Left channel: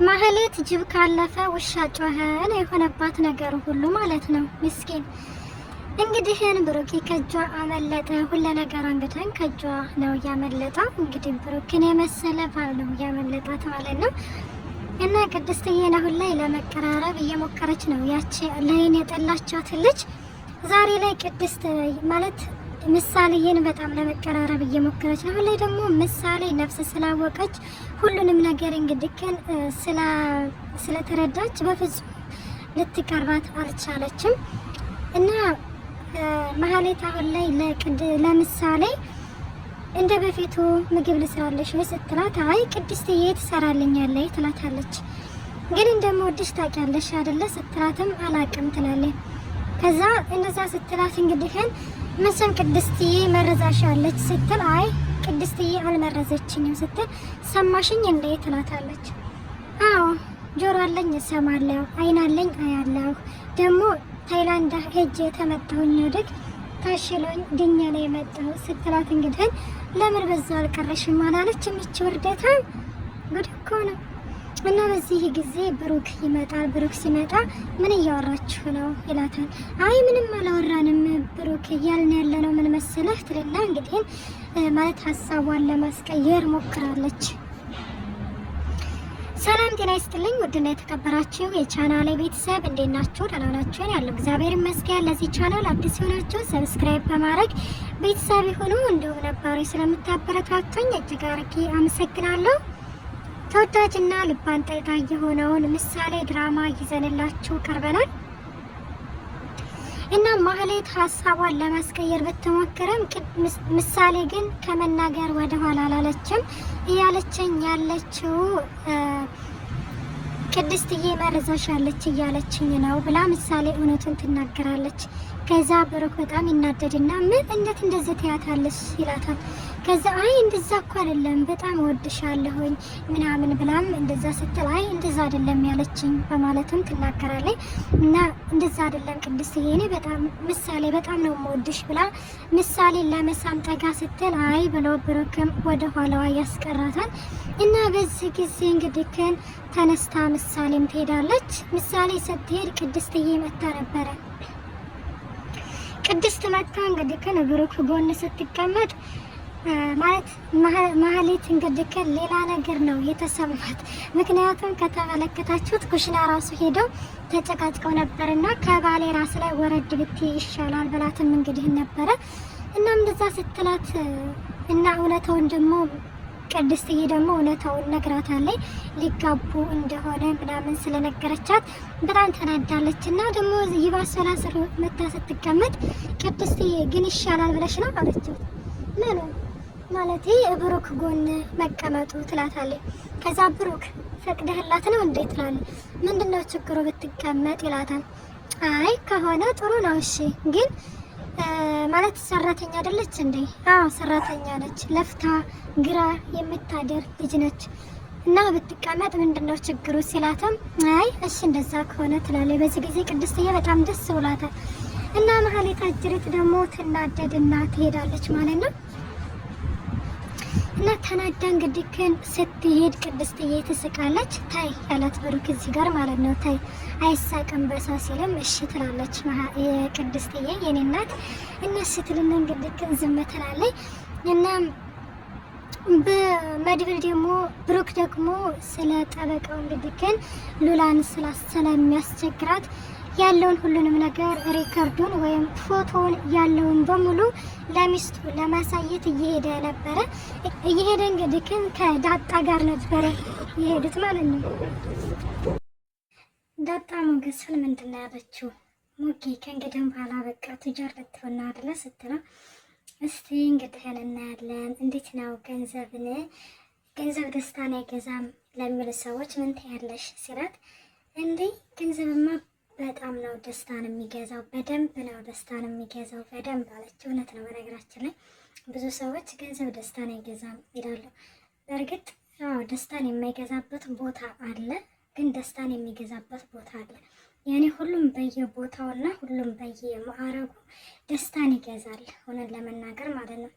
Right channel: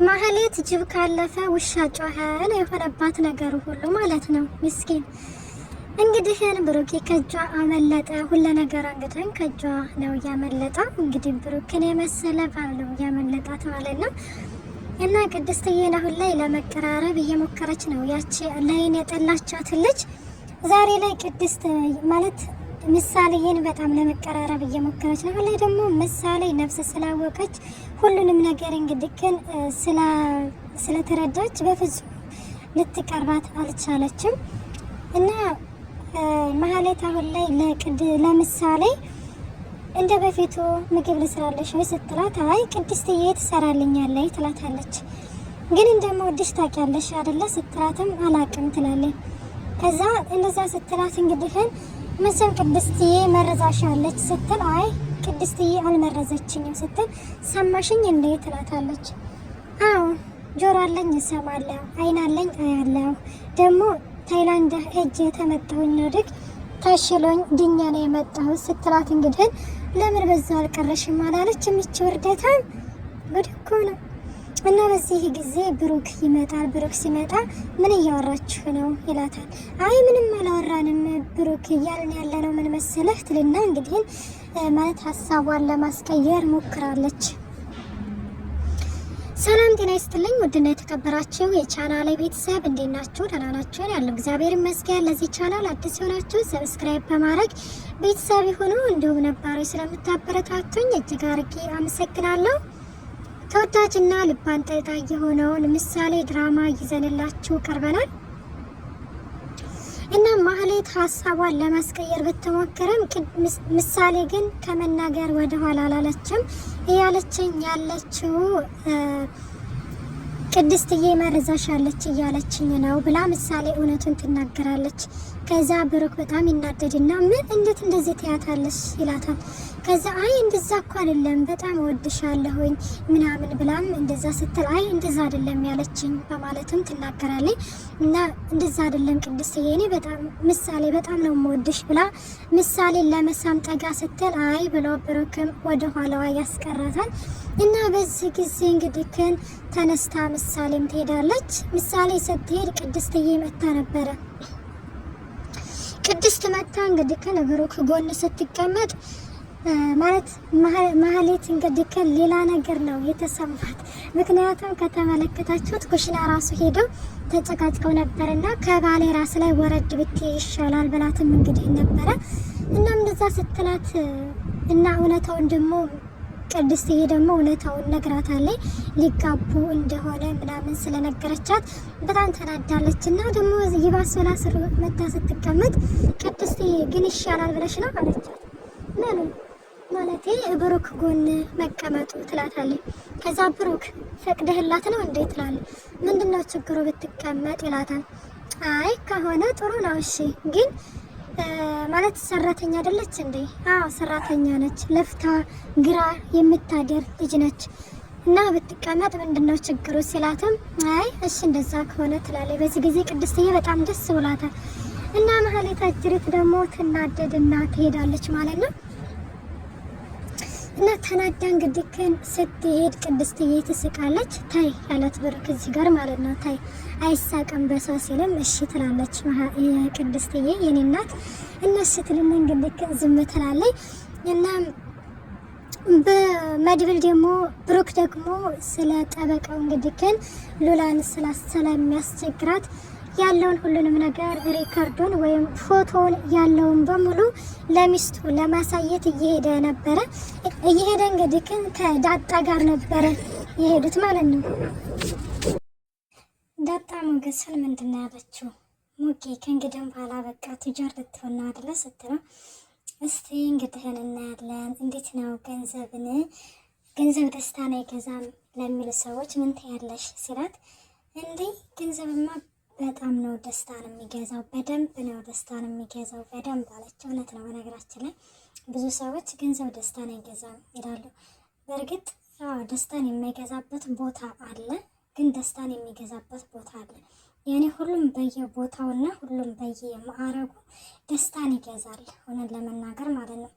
ማህሌት ጅብ ካለፈ ውሻ ጮኸ ነው የሆነባት ነገር ሁሉ ማለት ነው። ምስኪን እንግዲህ ብሩክ ከጇ አመለጠ። ሁሉ ነገር እንግዲህ ከጇ ነው ያመለጠው። እንግዲህ ብሩክን የመሰለ ባል ነው ያመለጣት ማለት ነው። እና ቅድስትዬን አሁን ላይ ለመቀራረብ እየሞከረች ነው። ያቺ ላይን የጠላቻት ልጅ ዛሬ ላይ ቅድስት ማለት ምሳሌን በጣም ለመቀራረብ እየሞከረች ነው። ላይ ደግሞ ምሳሌ ነፍስ ስላወቀች ሁሉንም ነገር እንግዲህ ግን ስለተረዳች በፍጹም ልትቀርባት አልቻለችም። እና ማህሌት አሁን ላይ ለምሳሌ እንደ በፊቱ ምግብ ልስራለሽ ወይ ስትላት አይ ቅድስትዬ ትሰራልኛለች ትላታለች። ግን እንደምወድሽ ታውቂያለሽ አይደለ ስትላትም አላቅም ትላለች። ከዛ እንደዛ ስትላት እንግዲህ መቼም ቅድስትዬ መረዛሻለች ስትል አይ ቅድስትዬ አልመረዘችኝም ስትል ሰማሽኝ እንዴ ትላታለች። አዎ ጆሮ አለኝ እሰማለሁ፣ አይን አለኝ አያለሁ፣ ደግሞ ታይላንድ ሄጄ የተመጣሁኝ ወድቅ ተሽሎኝ ድኛ ነው የመጣሁት ስትላት እንግዲህ ለምን በዛ አልቀረሽም አላለች። የሚች ውርደታ ጉድ እኮ ነው። እና በዚህ ጊዜ ብሩክ ይመጣል። ብሩክ ሲመጣ ምን እያወራችሁ ነው ይላታል። አይ ምንም አላወራንም ብሩክ እያልን ያለነው ምን መሰለህ ትልና እንግዲህ ማለት ሀሳቧን ለማስቀየር ሞክራለች። ሰላም ጤና ይስጥልኝ ውድና የተከበራችሁ የቻናሌ ቤተሰብ እንዴት ናችሁ? ደህና ናችሁ? ያለው እግዚአብሔር ይመስገን። ለዚህ ቻናል አዲስ የሆናችሁ ሰብስክራይብ በማድረግ ቤተሰብ ይሁኑ። እንዲሁም ነባሮች ስለምታበረታቱኝ እጅግ አድርጌ አመሰግናለሁ። ተወዳጅና ልብ አንጠልጣይ የሆነውን ምሳሌ ድራማ ይዘንላችሁ ቀርበናል። እና ማህሌት ሀሳቧን ለማስቀየር ብትሞክርም ምሳሌ ግን ከመናገር ወደ ኋላ አላለችም። እያለችኝ ያለችው ቅድስትዬ መርዛሻለች እያለችኝ ነው ብላ ምሳሌ እውነቱን ትናገራለች። ከዛ ብሩክ በጣም ይናደድና ምን እንዴት እንደዚህ ትያታለሽ ይላታል። ከዛ አይ እንደዛ እኮ አይደለም በጣም ወድሻለሁኝ ምናምን ብላም እንደዛ ስትል አይ እንደዛ አይደለም ያለችኝ በማለትም ትናገራለች። እና እንደዛ አይደለም ቅድስትዬ እኔ በጣም ምሳሌ በጣም ነው የምወድሽ ብላ ምሳሌን ለመሳም ጠጋ ስትል አይ ብሎ ብሩክም ወደ ኋላዋ ያስቀራታል። እና በዚህ ጊዜ እንግዲህ ተነስታ ምሳሌም ትሄዳለች። ምሳሌ ስትሄድ ቅድስትዬ መታ ነበረ። ቅድስት መታ እንግዲህ ብሩክ ጎን ስትቀመጥ ማለት ማህሌት እንግዲህ ሌላ ነገር ነው የተሰማት። ምክንያቱም ከተመለከታችሁት ኩሽና ራሱ ሄደው ተጨቃጭቀው ነበርና ከባሌ ራስ ላይ ወረድ ብትይ ይሻላል ብላትም እንግዲህ ነበረ። እናም እንደዛ ስትላት እና እውነታውን ደግሞ ቅድስትዬ ደግሞ እውነታውን ነግራታለች። ሊጋቡ እንደሆነ ምናምን ስለነገረቻት በጣም ተናዳለች። እና ደግሞ ይባስ ብላ ስር መታ ስትቀመጥ ቅድስትዬ ግን ይሻላል ብለሽ ነው አለቻት። ማለቴ ብሩክ ጎን መቀመጡ ትላታለች። ከዛ ብሩክ ፈቅደህላት ነው እንዴ ትላለች። ምንድነው ችግሩ ብትቀመጥ ይላታል። አይ ከሆነ ጥሩ ነው እሺ ግን ማለት ሰራተኛ አይደለች እንዴ? አዎ ሰራተኛ ነች። ለፍታ ግራ የምታደር ልጅ ነች እና ብትቀመጥ ምንድነው ችግሩ ሲላትም አይ እሺ እንደዛ ከሆነ ትላለች። በዚህ ጊዜ ቅድስትዬ በጣም ደስ ብሏታል። እና ማህሌት አጅሪት ደግሞ ትናደድና ትሄዳለች ማለት ነው። እና ተናዳ እንግዲህ ስትሄድ ቅድስትዬ ትስቃለች። ታይ ያላት ብሩክ እዚህ ጋር ማለት ነው። ታይ አይሳቅም በሷ ሲልም እሺ ትላለች የቅድስትዬ የኔ እናት። እና ስትልና እንግዲህ ዝም ትላለች። እና በመድብል ደግሞ ብሩክ ደግሞ ስለ ጠበቃው እንግዲህ ሉላን ስለሚያስቸግራት ያለውን ሁሉንም ነገር ሪከርዱን ወይም ፎቶውን ያለውን በሙሉ ለሚስቱ ለማሳየት እየሄደ ነበረ። እየሄደ እንግዲህ ከዳጣ ጋር ነበረ የሄዱት ማለት ነው። ዳጣ ሞገስን ምንድን ነው ያለችው? ሙጌ ከእንግዲህ በኋላ በቃ ቱጃር ልትሆን ነው አይደለ ስትለው እስቲ እንግዲህ እናያለን እንዴት ነው ገንዘብ ደስታን አይገዛም ለሚሉ ሰዎች ምን ትያለሽ ሲላት እንዴ ገንዘብማ በጣም ነው ደስታን የሚገዛው፣ በደንብ ነው ደስታን የሚገዛው በደንብ አለች። እውነት ነው። በነገራችን ላይ ብዙ ሰዎች ገንዘብ ደስታን አይገዛም ይላሉ። በእርግጥ ደስታን የማይገዛበት ቦታ አለ፣ ግን ደስታን የሚገዛበት ቦታ አለ። ያኔ ሁሉም በየቦታውና ሁሉም በየማዕረጉ ደስታን ይገዛል። ሆነን ለመናገር ማለት ነው።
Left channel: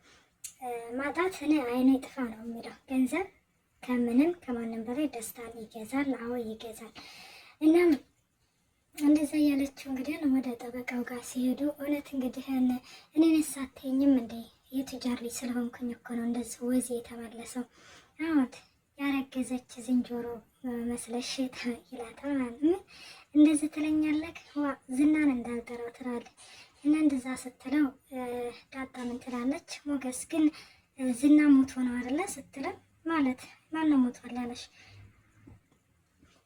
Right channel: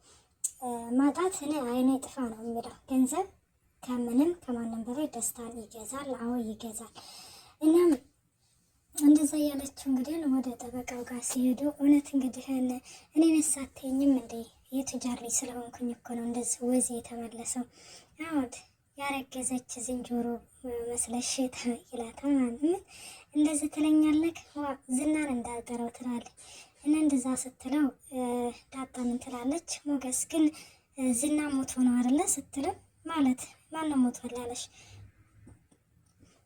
ማጣት እኔ አይኔ ጥፋ ነው የሚለው ገንዘብ ከምንም ከማንም በላይ ደስታን ይገዛል። አዎ ይገዛል። እናም እንደዛ ያለችው እንግዲህ ወደ ጠበቃው ጋር ሲሄዱ እውነት እንግዲህ እኔን ሳትይኝም እንዴ የቱጃር ልጅ ስለሆንኩኝ እኮ ነው እንደዚህ ወዜ የተመለሰው። አሁን ያረገዘች ዝንጀሮ መስለሽ ይላታል ማለት ነው። እንደዚህ ትለኛለህ ዝናን እንዳልጠረው ትላለች። እና እንደዛ ስትለው ዳጣ ምን ትላለች? ሞገስ ግን ዝና ሞቶ ነው አይደለ ስትለው ማለት ማነው ሞቷል ያለሽ?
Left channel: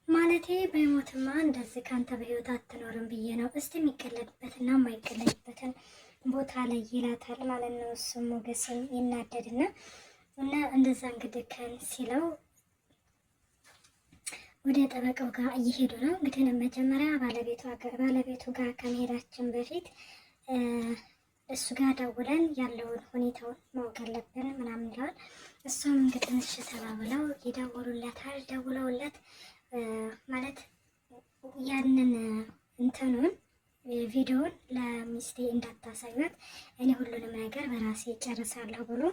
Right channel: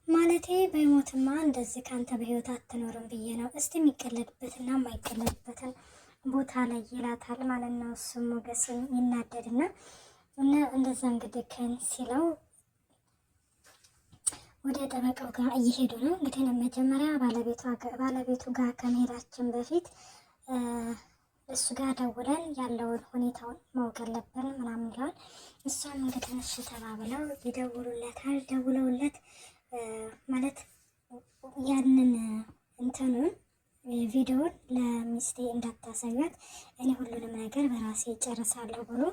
ማለቴ በሞትማ እንደዚህ ካንተ በህይወት አትኖርም ብዬ ነው። እስቲ የሚቀለድበትና የማይቀለድበትን ቦታ ላይ ይላታል ማለት ነው። እሱ ሞገስም ይናደድና እና እንደዛ እንግዲህ ከን ሲለው ወደ ጠበቃው ጋር እየሄዱ ነው። እንግዲህ መጀመሪያ ባለቤቱ ጋር ከመሄዳችን በፊት እሱ ጋር ደውለን ያለውን ሁኔታውን ማወቅ አለብን ምናምን ይለዋል። እሷም እንግዲህ እሺ ተባብለው ይደውሉለታል። ደውለውለት ማለት ያንን እንትኑን ቪዲዮውን ለሚስቴ እንዳታሳዩት እኔ ሁሉንም ነገር በራሴ ጨርሳለሁ ብሎ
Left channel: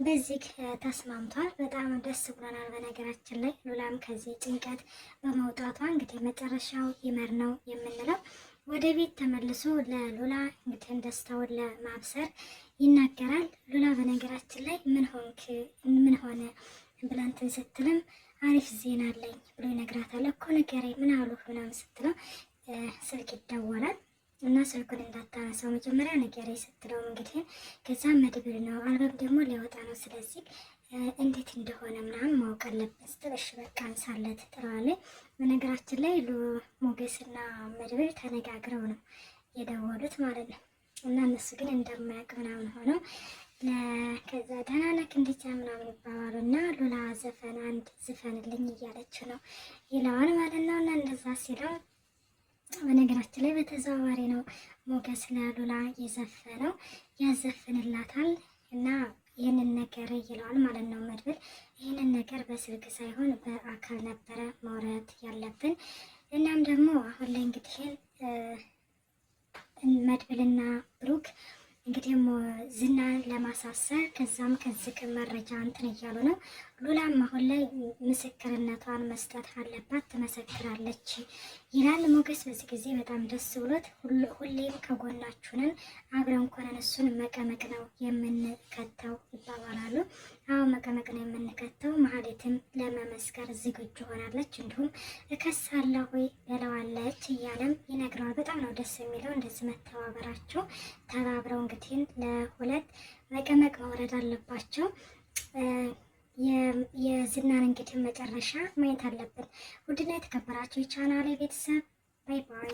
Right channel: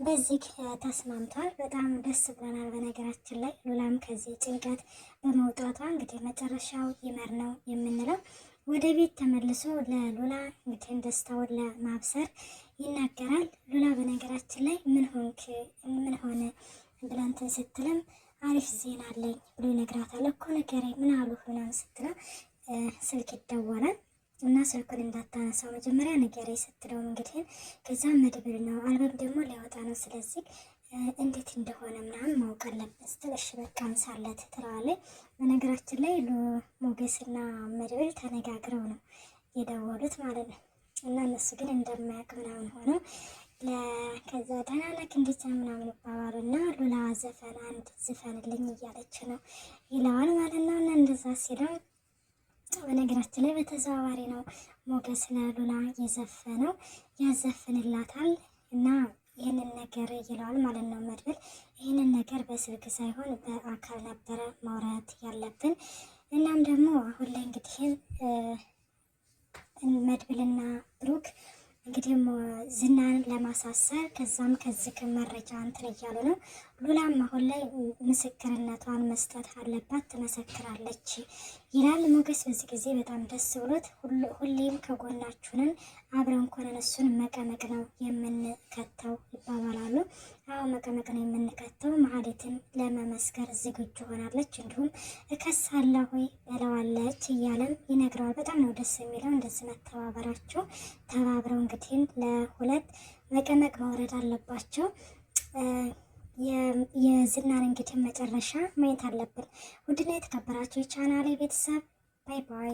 በዚህ ተስማምቷል። በጣም ደስ ብሎናል። በነገራችን ላይ ሉላም ከዚህ ጭንቀት በመውጣቷ እንግዲህ መጨረሻው ይመር ነው የምንለው። ወደ ቤት ተመልሶ ለሉላ እንግዲህ ደስታውን ለማብሰር ይናገራል። ሉላ በነገራችን ላይ ምን ሆነ ብላንትን ስትልም አሪፍ ዜና አለኝ ብሎ ይነግራታል። እኮ ንገረኝ ምን አሉ ምናምን ስትለው ስልክ ይደወላል እና ስልኩን እንዳታነሳው መጀመሪያ ንገረኝ ስትለው እንግዲህ ከዛም መድብል ነው አልበም ደግሞ ሊወጣ ነው ስለዚህ እንዴት እንደሆነ ምናምን ማወቅ አለብን ስትል እሺ በቃ አንሳለት ትለዋለች። በነገራችን ላይ ሞገስና መድብል ተነጋግረው ነው የደወሉት ማለት ነው። እና እነሱ ግን እንደማያውቅ ምናምን ሆነው ከዛ ተናነክ እንዴት ምናምን ይባባሉ እና ሉላ ዘፈን አንድ ዝፈንልኝ እያለች ነው ይለዋል ማለት ነው። እና እንደዛ ሲለው በነገራችን ላይ በተዘዋዋሪ ነው ሞገስ ለሉላ የዘፈነው ያዘፍንላታል እና ይህንን ነገር ይለዋል ማለት ነው መድብል። ይህንን ነገር በስልክ ሳይሆን በአካል ነበረ ማውራት ያለብን። እናም ደግሞ አሁን ላይ እንግዲህ መድብልና ብሩክ እንግዲህ ዝናን ለማሳሰር ከዛም ከዚህ መረጃ እንትን እያሉ ነው። ሉላም አሁን ላይ ምስክርነቷን መስጠት አለባት፣ ትመሰክራለች ይላል ሞገስ። በዚህ ጊዜ በጣም ደስ ብሎት ሁሌም ከጎናችሁንን አብረን ኮነን እሱን መቀመቅ ነው የምንከተው ይባባላሉ። አዎ መቀመቅ ነው የምንከተው። መሀሌትም ለመመስከር ዝግጁ ሆናለች፣ እንዲሁም እከሳለሁ በለዋለች እያለም ይነግረዋል። በጣም ነው ደስ የሚለው እንደዚህ መተባበራቸው። ተባብረው እንግዲህ ለሁለት መቀመቅ መውረድ አለባቸው። የዝናን እንግዲህ መጨረሻ ማየት አለብን። ውድና የተከበራቸው የቻናሌ ቤተሰብ ባይ ባይ።